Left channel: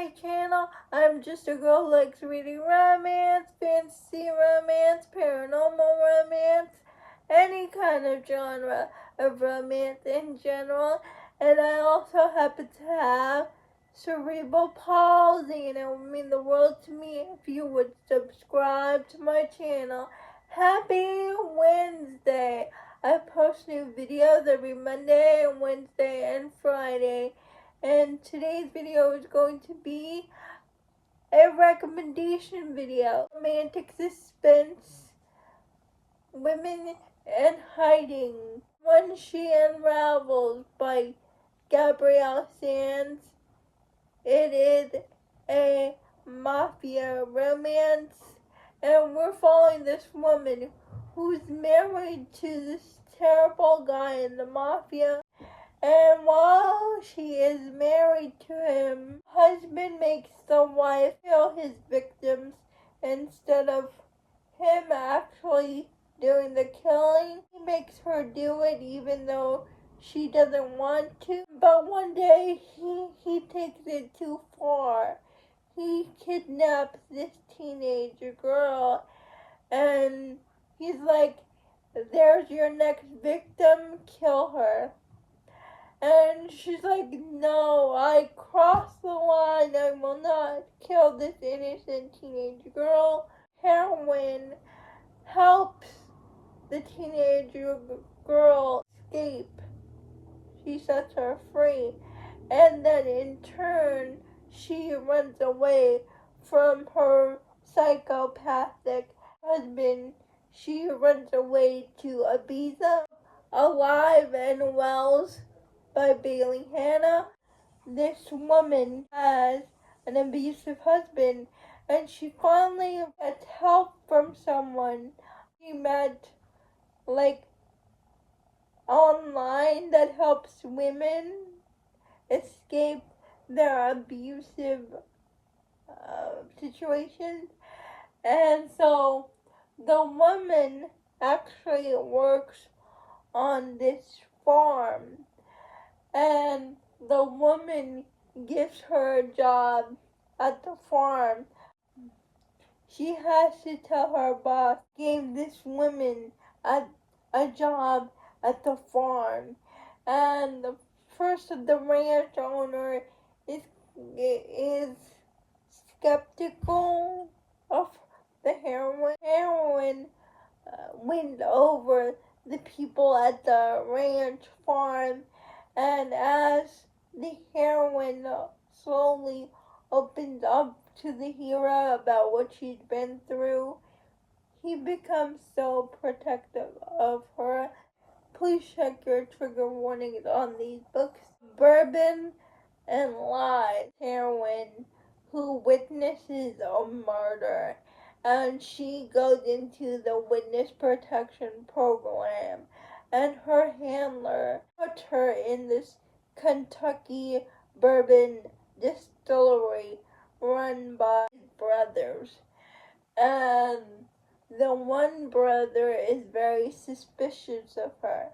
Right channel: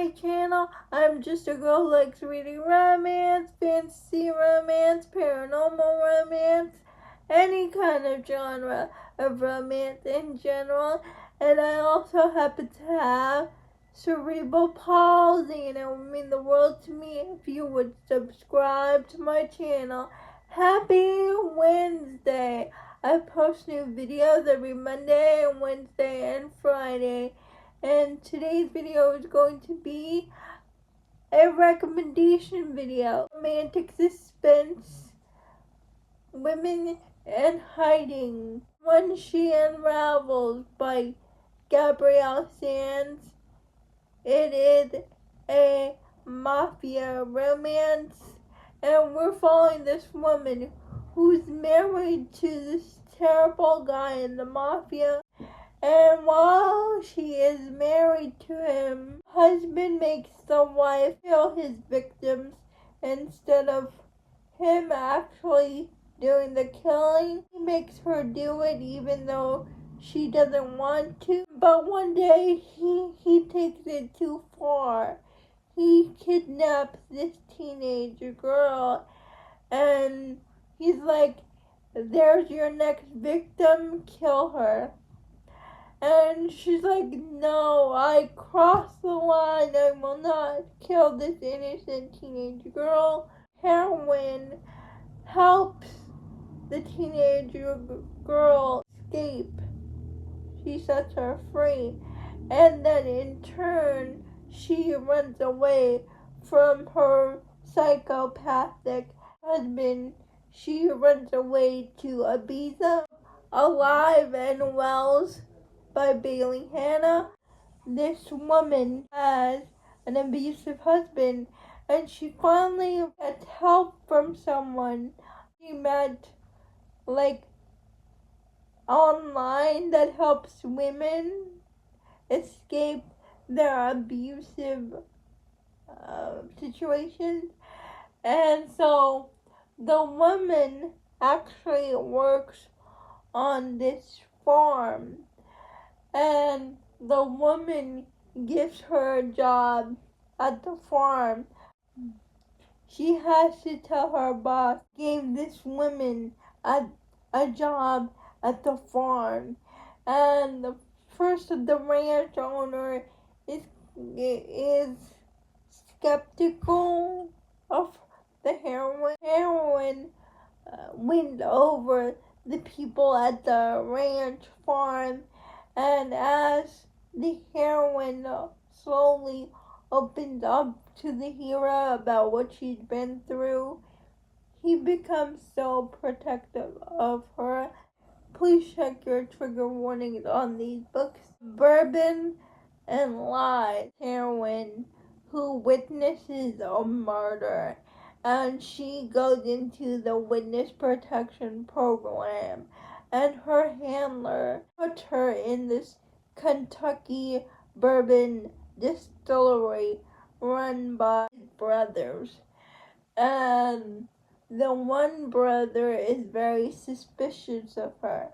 my channel. I'm just a girl who likes reading romance, fantasy romance, paranormal romance, any kind of genre of romance in general. And I also happen to have cerebral palsy, and it would mean the world to me if you would subscribe to my channel. Happy Wednesday! I post new videos every Monday and Wednesday and Friday. And today's video is going to be a recommendation video. Romantic suspense, women and hiding. When She Unravels by Gabrielle Sands. It is a mafia romance, and we're following this woman who's married to this terrible guy in the mafia. And while she is married to him, husband makes the wife kill his victims instead of him actually doing the killing. He makes her do it even though she doesn't want to. But one day he takes it too far. He kidnaps this teenage girl, and he's like, "There's your next victim, kill her." And she's like, "No, I crossed the line. I will not kill this innocent teenage girl." Heroine helps the teenage girl escape. She sets her free. And then in turn, she runs away from her psychopathic husband. She runs away to Ibiza. Alive and Wells by Bailey Hannah. This woman has an abusive husband, and she finally gets help from someone she met, like, online, that helps women escape their abusive situations. And so the woman actually works on this farm, and the woman gives her a job at the farm. She has to tell her boss gave this woman a job at the farm, and the ranch owner is skeptical of the heroine. Heroine wins over the people at the ranch farm, and as the heroine slowly opens up to the hero about what she's been through, he becomes so protective of her. Please check your trigger warnings on these books. Bourbon and Lies. Heroine who witnesses a murder, and she goes into the witness protection program, and her handler puts her in this Kentucky bourbon distillery run by his brothers. And the one brother is very suspicious of her.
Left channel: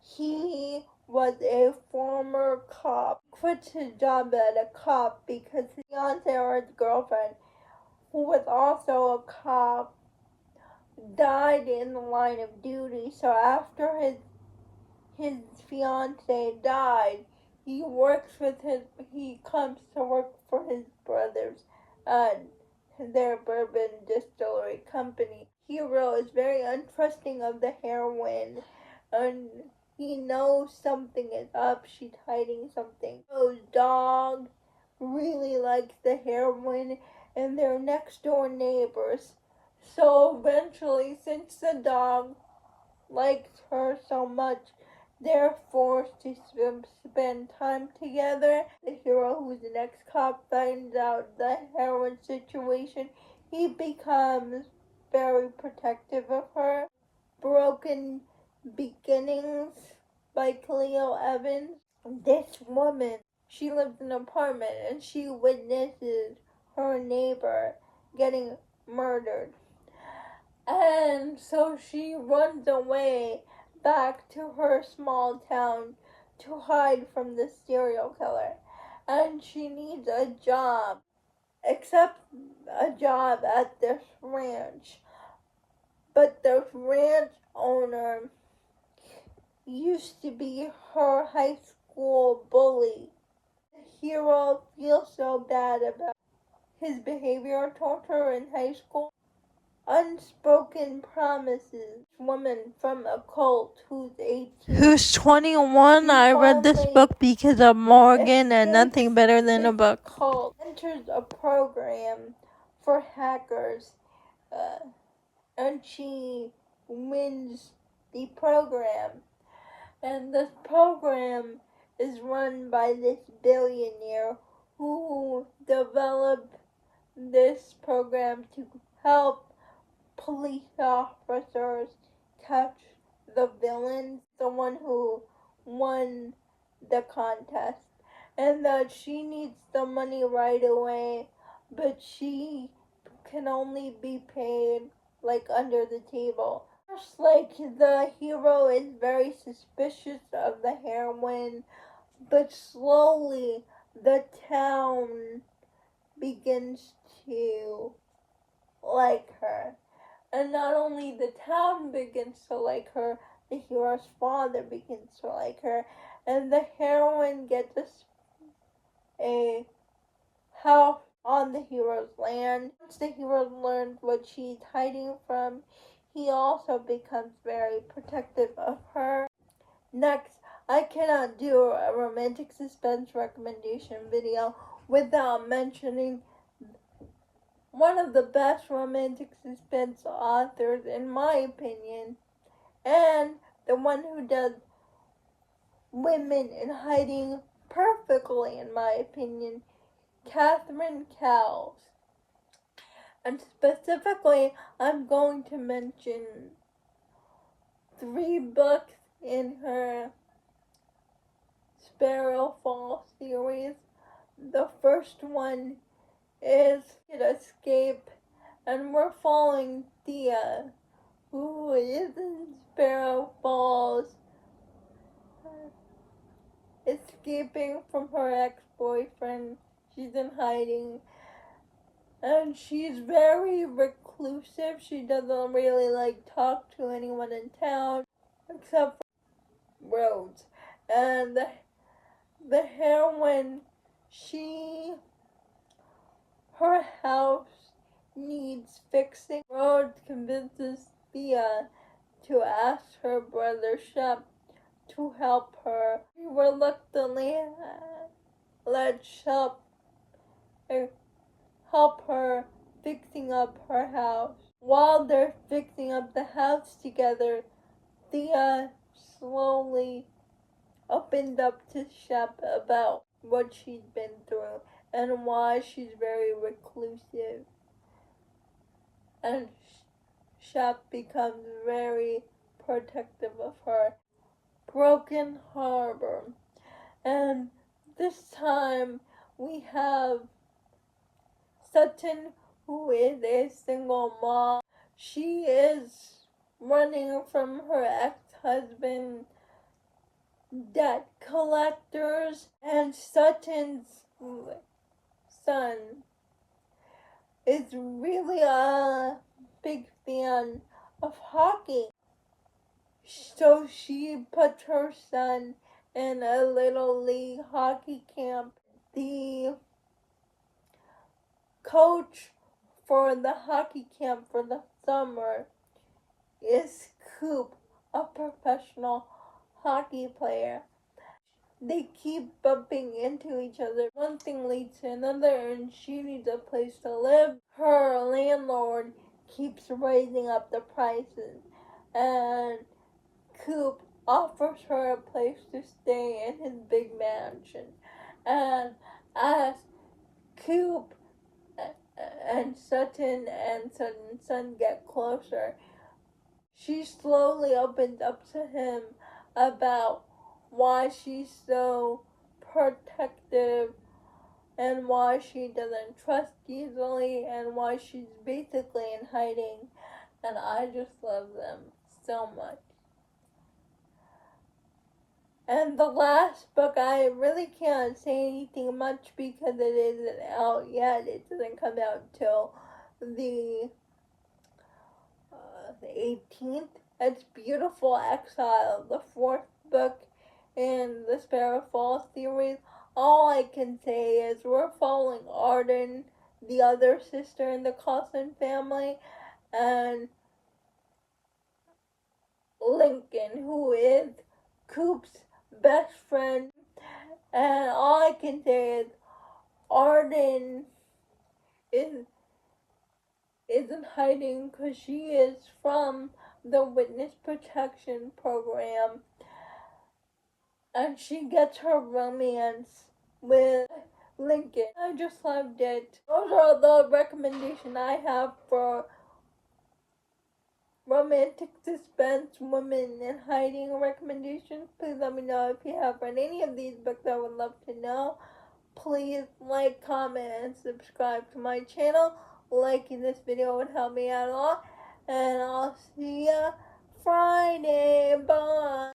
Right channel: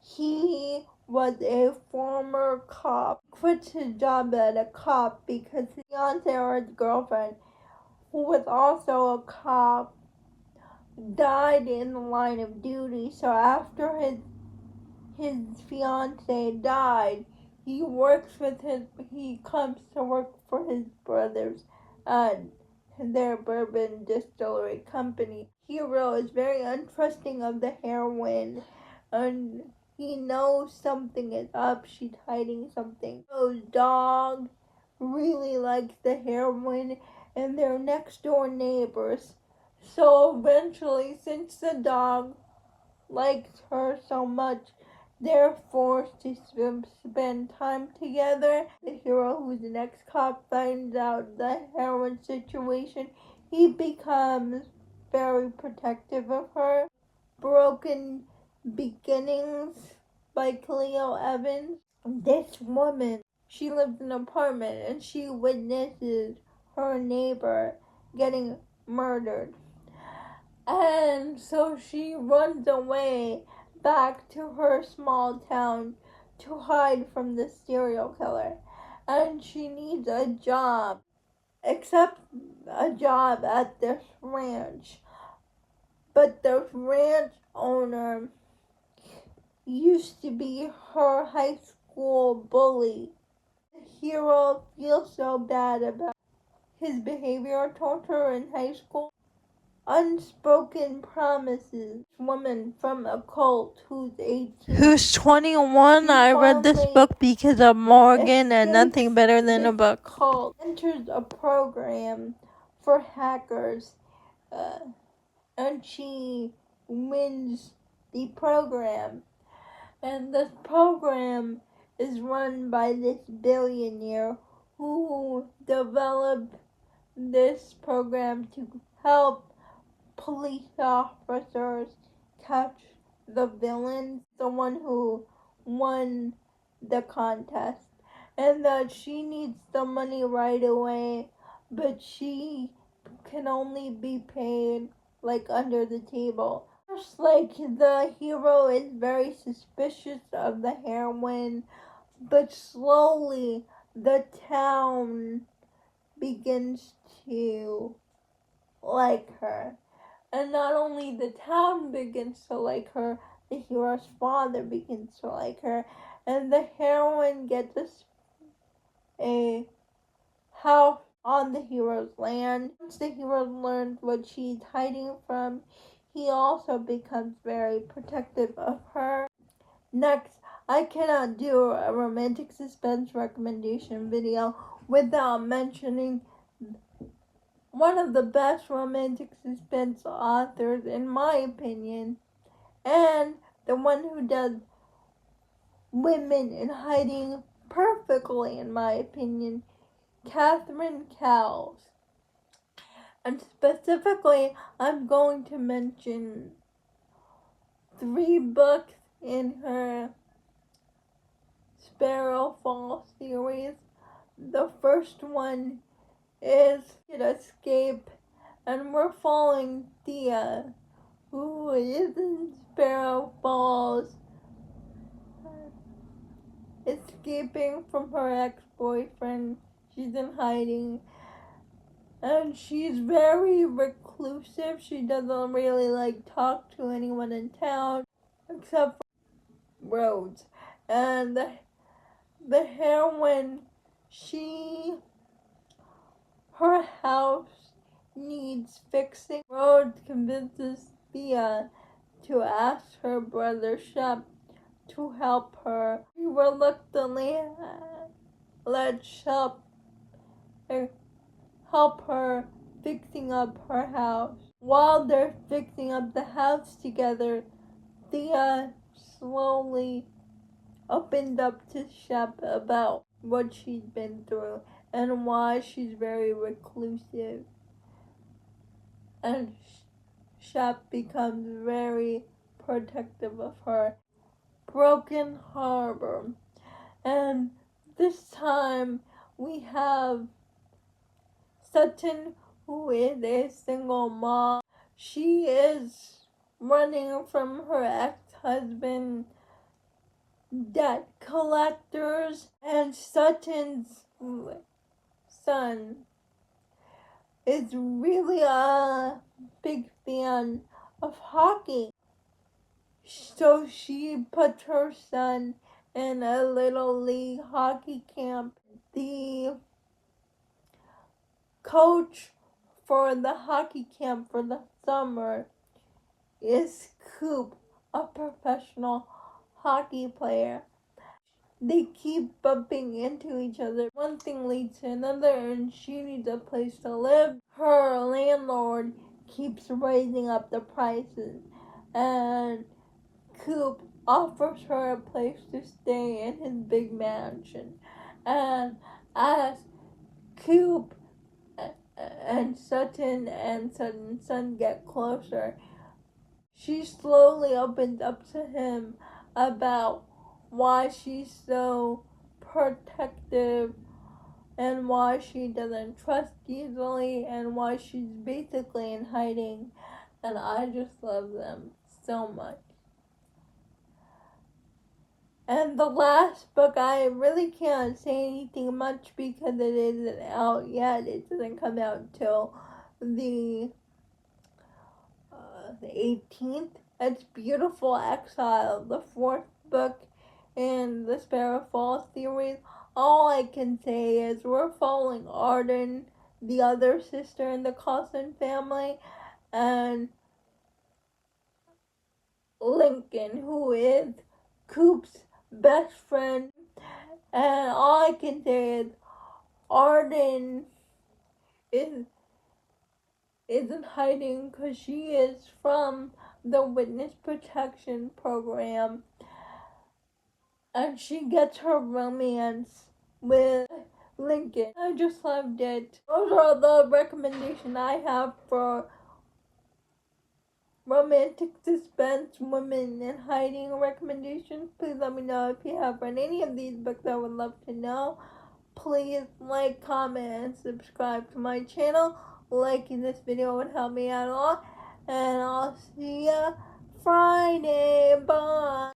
He was a former cop. Quits his job as a cop because his fiance or his girlfriend, who was also a cop, died in the line of duty. So after his fiance died, he comes to work for his brothers and their bourbon distillery company. Hero is very untrusting of the heroine, and he knows something is up. She's hiding something. His dog really likes the heroine, and they're next door neighbors. So eventually, since the dog likes her so much, they're forced to spend time together. The hero, who's an ex-cop, finds out the heroine situation. He becomes very protective of her. Broken Beginnings by Cleo Evans. This woman, she lives in an apartment, and she witnesses her neighbor getting murdered. And so she runs away back to her small town to hide from the serial killer. And needs a job, except a job at this ranch. But the ranch owner used to be her high school bully. The hero feels so bad about his behavior towards her in high school. Unspoken promises. Woman from a cult who's 18. Who's 21. I read this book because of Morgan and nothing better than a book. Cult enters a program for hackers, and she wins the program. And this program is run by this billionaire who developed this program to help police officers catch the villain, the one who won the contest, and that she needs the money right away, but she can only be paid like under the table. Just like the hero is very suspicious of the heroine, but slowly the town begins to like her. And not only the town begins to like her, the hero's father begins to like her, and the heroine gets a house on the hero's land. Once the hero learns what she's hiding from, he also becomes very protective of her. Next, I cannot do a romantic suspense recommendation video without mentioning one of the best romantic suspense authors, in my opinion, and the one who does women in hiding perfectly, in my opinion, Catherine Cowles. And specifically, I'm going to mention 3 books in her Sparrow Fall series. The first one is Escape, and we're following Thea, who is in Sparrow Falls, escaping from her ex-boyfriend. She's in hiding, and she's very reclusive. She doesn't really talk to anyone in town except for Rhodes. And the heroine, her house needs fixing. Rhodes convinces Thea to ask her brother Shep to help her. She reluctantly let Shep help her fixing up her house. While they're fixing up the house together, Thea slowly opened up to Shep about what she'd been through and why she's very reclusive. And Shep becomes very protective of her. Broken Harbor. And this time we have Sutton, who is a single mom. She is running from her ex-husband, debt collectors, and Sutton's son is really a big fan of hockey. So she put her son in a little league hockey camp. The coach for the hockey camp for the summer is Coop, a professional hockey player. They keep bumping into each other. One thing leads to another, and she needs a place to live. Her landlord keeps raising up the prices, and Coop offers her a place to stay in his big mansion. And as Coop and Sutton's son get closer, she slowly opens up to him about why she's so protective and why she doesn't trust easily and why she's basically in hiding. And I just love them so much. And the last book, I really can't say anything much because it isn't out yet. It doesn't come out till the 18th. It's Beautiful Exile, the fourth book in the Sparrowfall series. All I can say is we're following Arden, the other sister in the Coulson family, and Lincoln, who is Coop's best friend. And all I can say is Arden is isn't hiding because she is from the witness protection program, and she gets her romance with Lincoln. I just loved it. Those are the recommendations I have for romantic suspense, women in hiding recommendations. Please let me know if you have read any of these books. I would love to know. Please like, comment, and subscribe to my channel. Liking this video would help me out a lot. And I'll see ya Friday. Bye.